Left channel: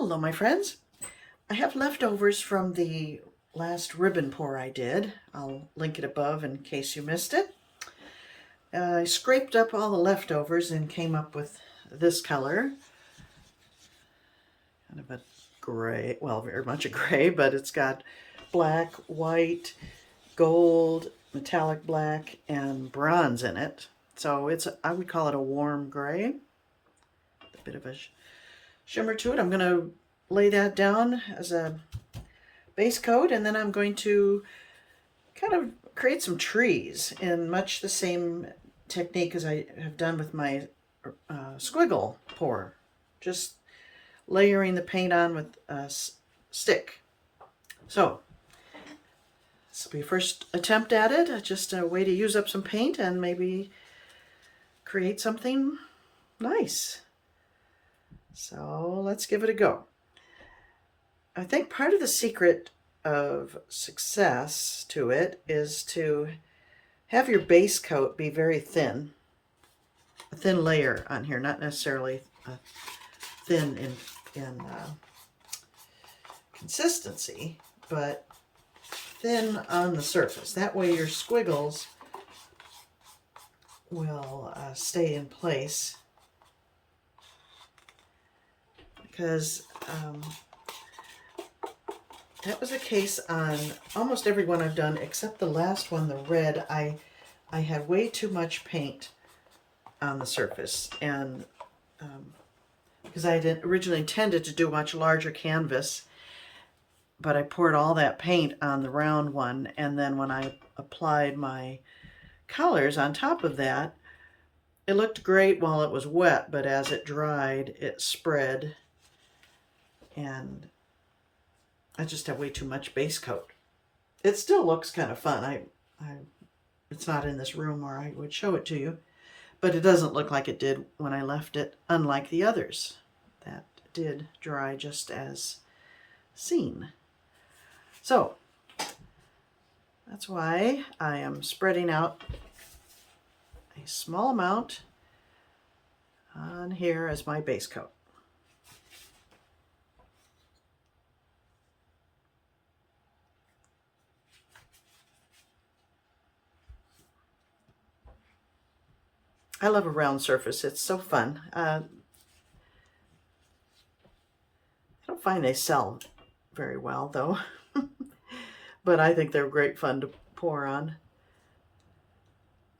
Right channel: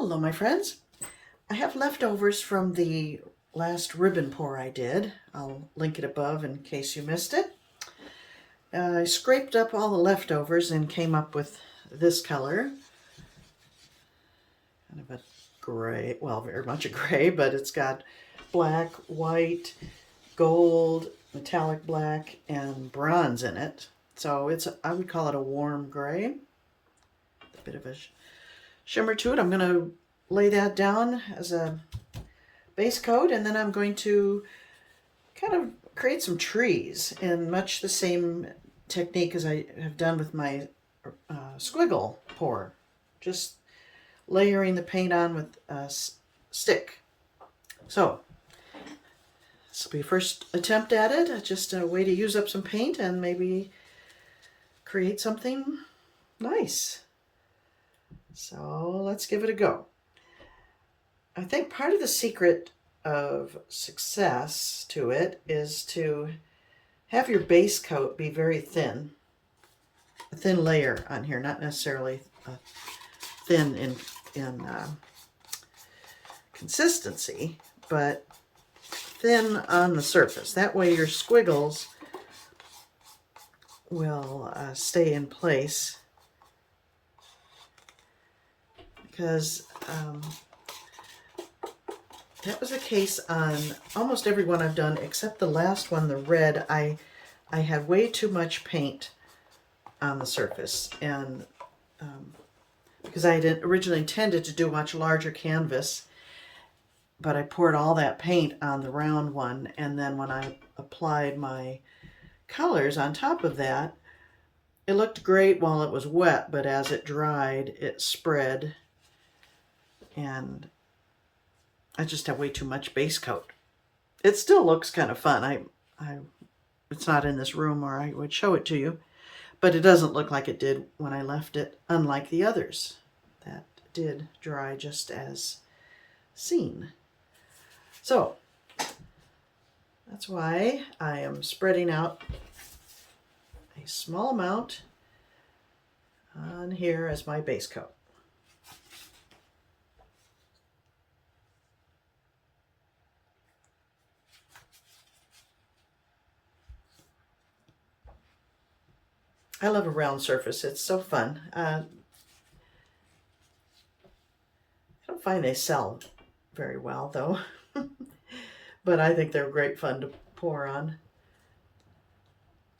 Hello, my friends. I have leftovers from the last ribbon pour I did. I'll link it above in case you missed it. I scraped up all the leftovers and came up with this color. Kind of a gray, well, very much a gray, but it's got black, white, gold, metallic black, and bronze in it. So I would call it a warm gray. A bit of a shimmer to it. I'm going to lay that down as a base coat, and then I'm going to kind of create some trees in much the same technique as I have done with my Squiggle pour. Just layering the paint on with a stick. So this will be a first attempt at it. Just a way to use up some paint and maybe create something nice. So let's give it a go. I think part of the secret of success to it is to have your base coat be very thin. A thin layer on here, not necessarily thin in consistency, but thin on the surface. That way your squiggles will stay in place, because that was the case on almost every one I've done except the last one, the red. I had way too much paint on the surface, and because I had originally intended to do a much larger canvas, but I poured all that paint on the round one, and then when I applied my colors on top of that, it looked great while it was wet, but as it dried, it spread, and I just have way too much base coat. It still looks kind of fun. It's not in this room or I would show it to you, but it doesn't look like it did when I left it, unlike the others that did dry just as seen. So that's why I am spreading out a small amount on here as my base coat. I love a round surface. It's so fun. I don't find they sell very well, though. But I think they're great fun to pour on.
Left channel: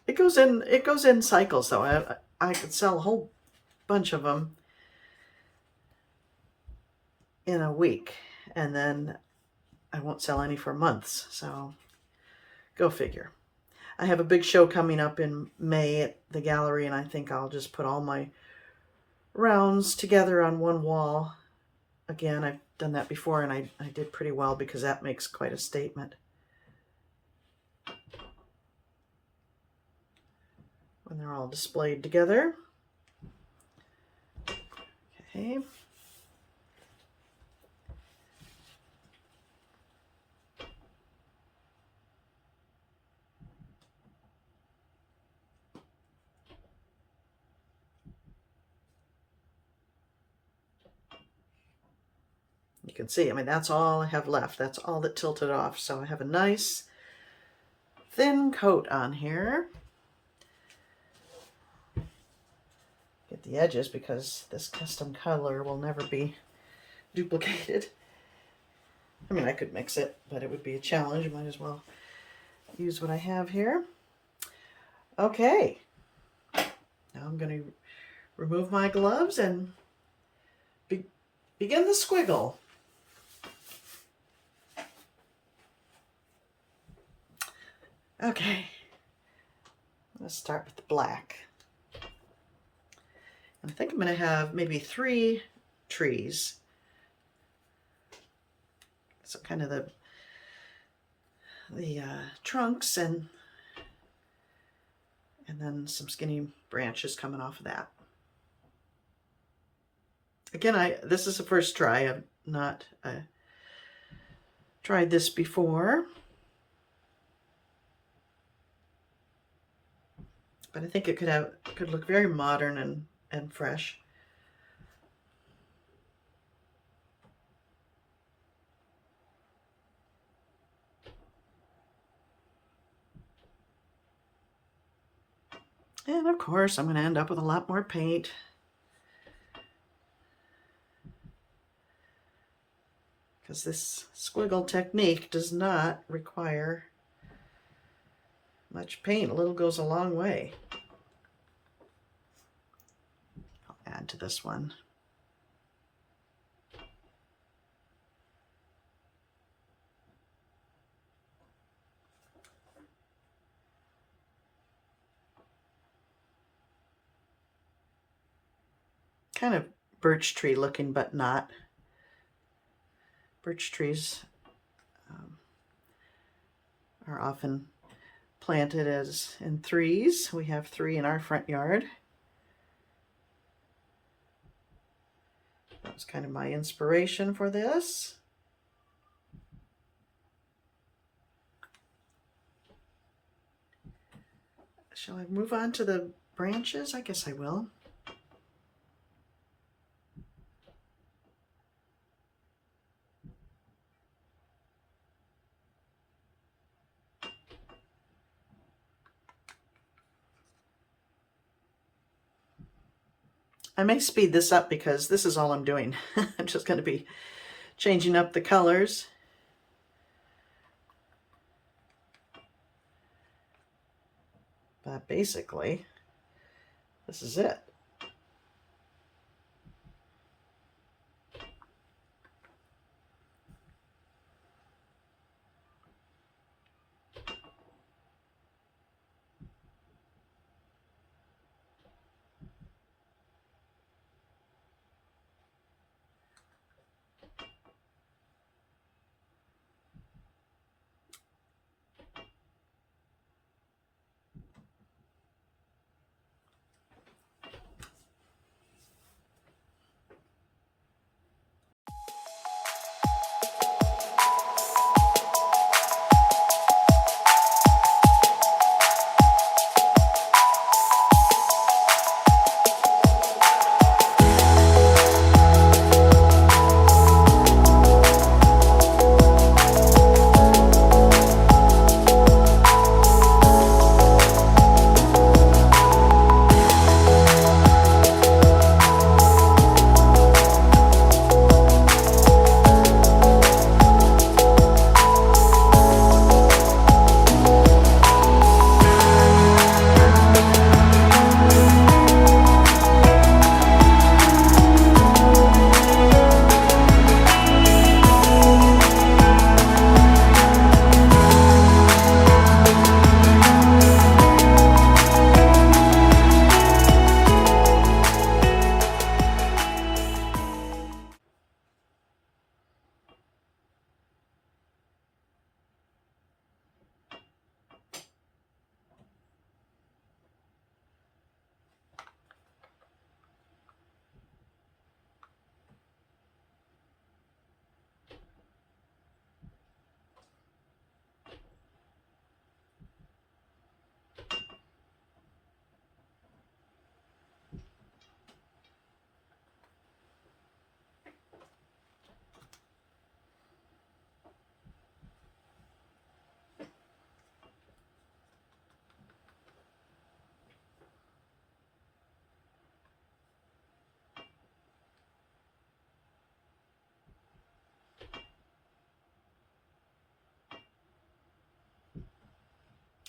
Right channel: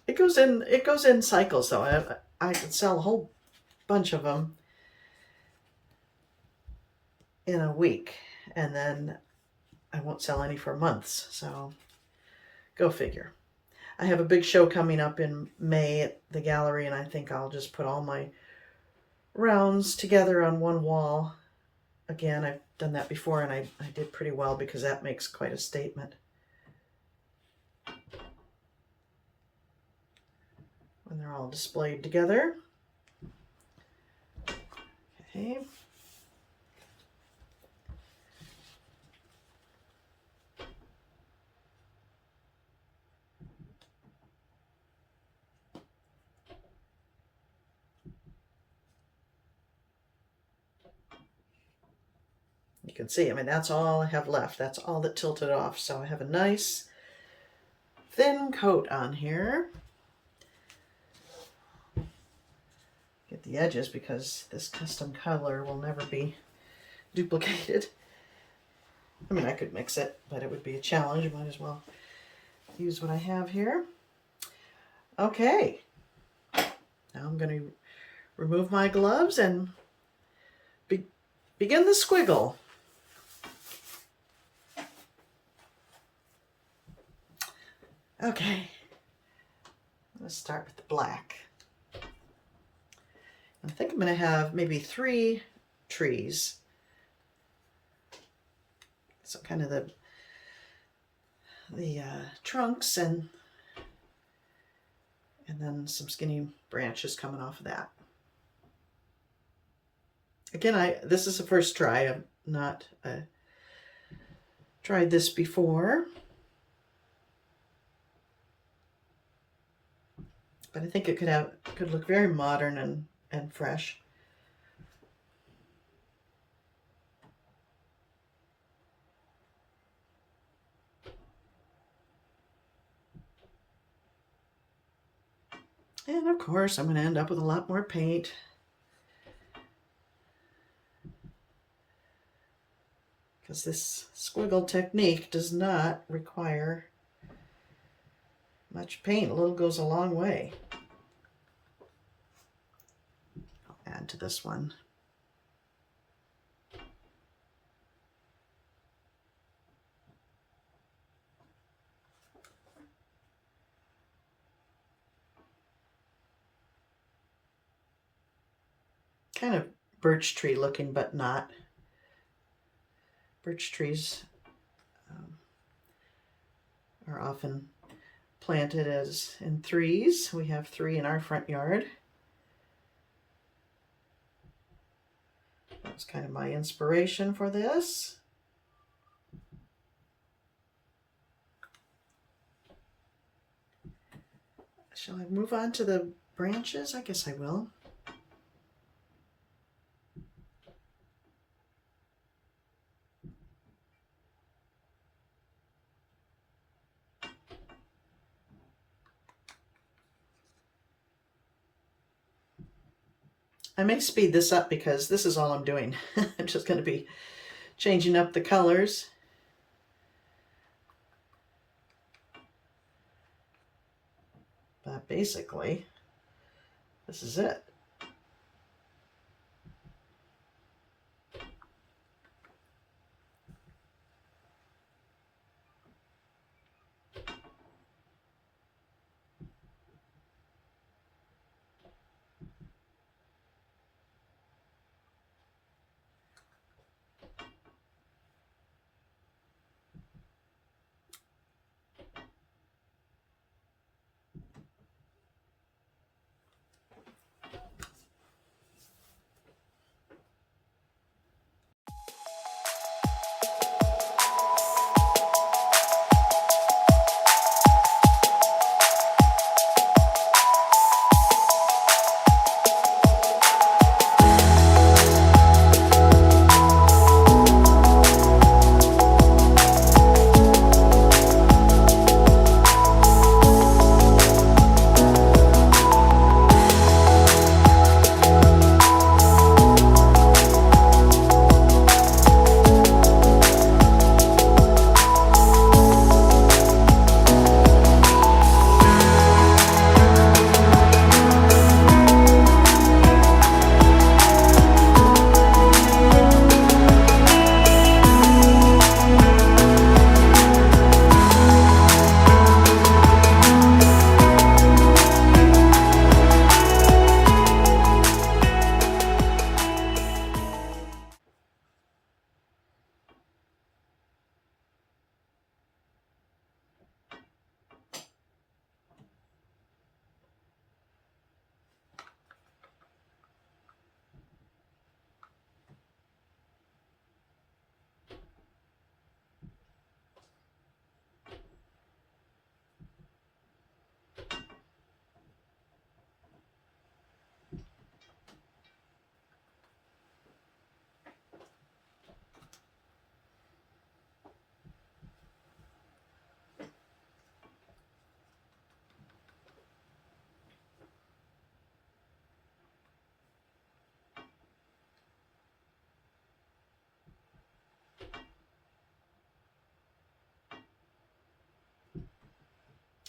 It goes in cycles, though. I could sell a whole bunch of them in a week, and then I won't sell any for months. So go figure. I have a big show coming up in May at the gallery, and I think I'll just put all my rounds together on one wall. Again, I've done that before, and I did pretty well because that makes quite a statement. When they're all displayed together. Okay. You can see, I mean, that's all I have left. That's all that tilted off. So I have a nice thin coat on here. Get the edges because this custom color will never be duplicated. I mean, I could mix it, but it would be a challenge. I might as well use what I have here. Okay. Now I'm going to remove my gloves and begin the squiggle. Okay, let's start with the black. I think I'm going to have maybe 3 trees. So kind of the trunks and then some skinny branches coming off of that. Again, this is the first try. I've not tried this before. But I think it could look very modern and fresh. And of course, I'm going to end up with a lot more paint. Because this squiggle technique does not require much paint. A little goes a long way. I'll add to this one. Kind of birch tree looking, but not. Birch trees are often planted as in threes. We have 3 in our front yard. That was kind of my inspiration for this. Shall I move on to the branches? I guess I will. I may speed this up because this is all I'm doing. I'm just going to be changing up the colors. But basically, this is it.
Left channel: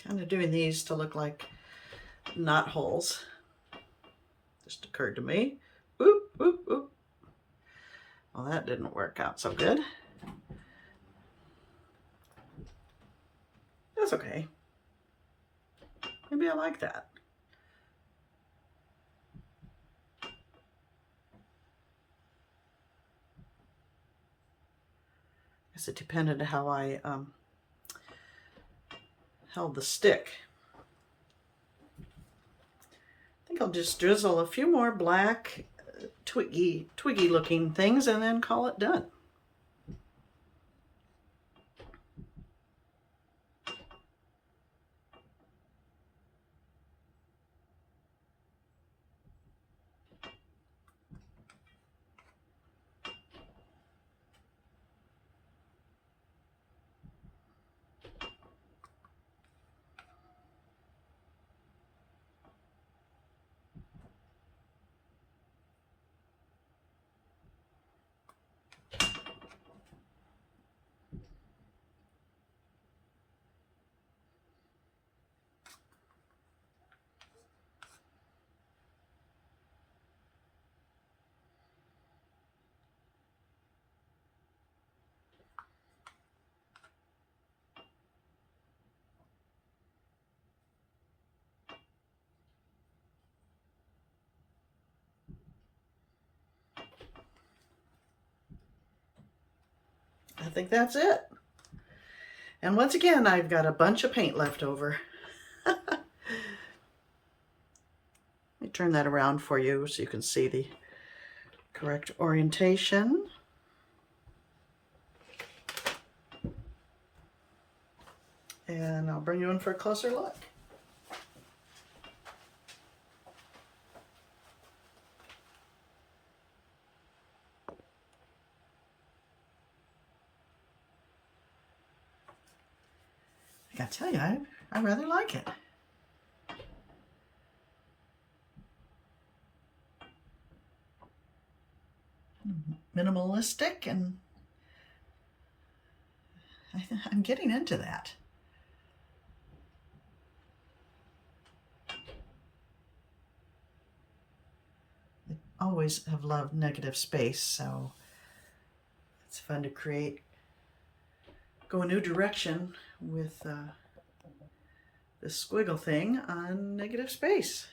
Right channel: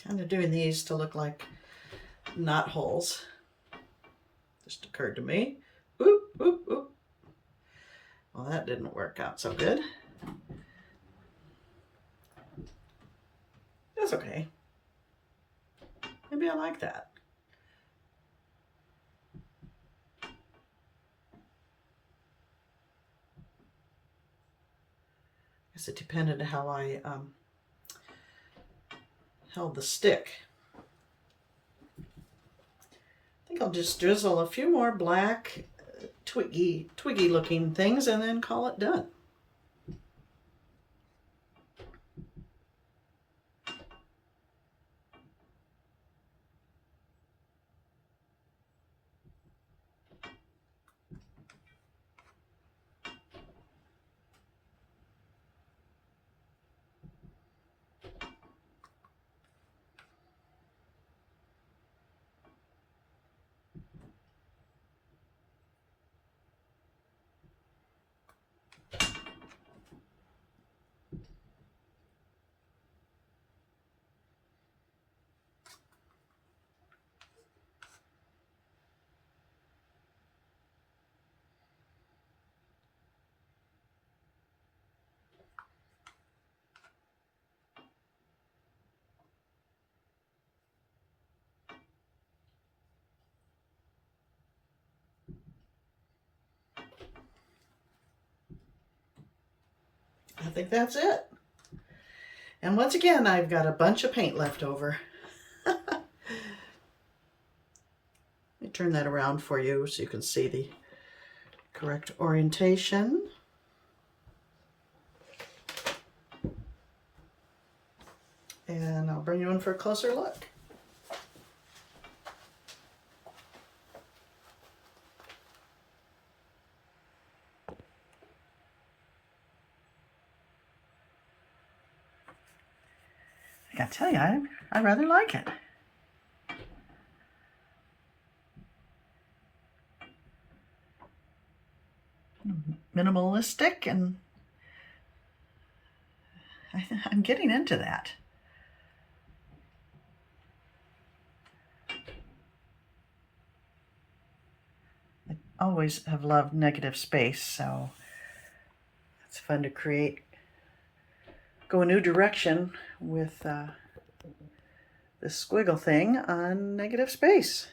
Kind of doing these to look like knot holes. Just occurred to me. Oop, oop, oop. Well, that didn't work out so good. That's okay. Maybe I like that. I guess it depended on how I held the stick. I think I'll just drizzle a few more black twiggy looking things and then call it done. think that's it. And once again, I've got a bunch of paint left over. Let me turn that around for you so you can see the correct orientation. And I'll bring you in for a closer look. I gotta tell you, I rather like it. Minimalistic, and I'm getting into that. I always have loved negative space, so it's fun to create, go a new direction with this squiggle thing on negative space.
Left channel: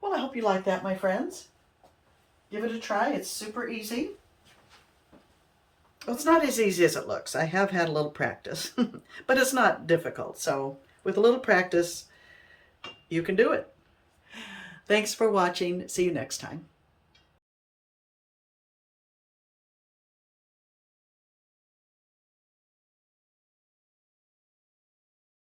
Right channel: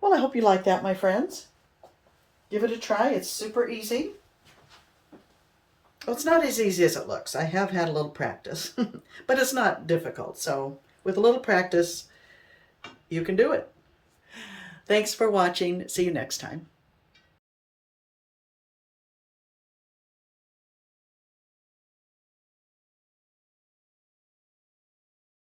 Well, I hope you like that, my friends. Give it a try. It's super easy. Well, it's not as easy as it looks. I have had a little practice, but it's not difficult. So with a little practice, you can do it. Thanks for watching. See you next time.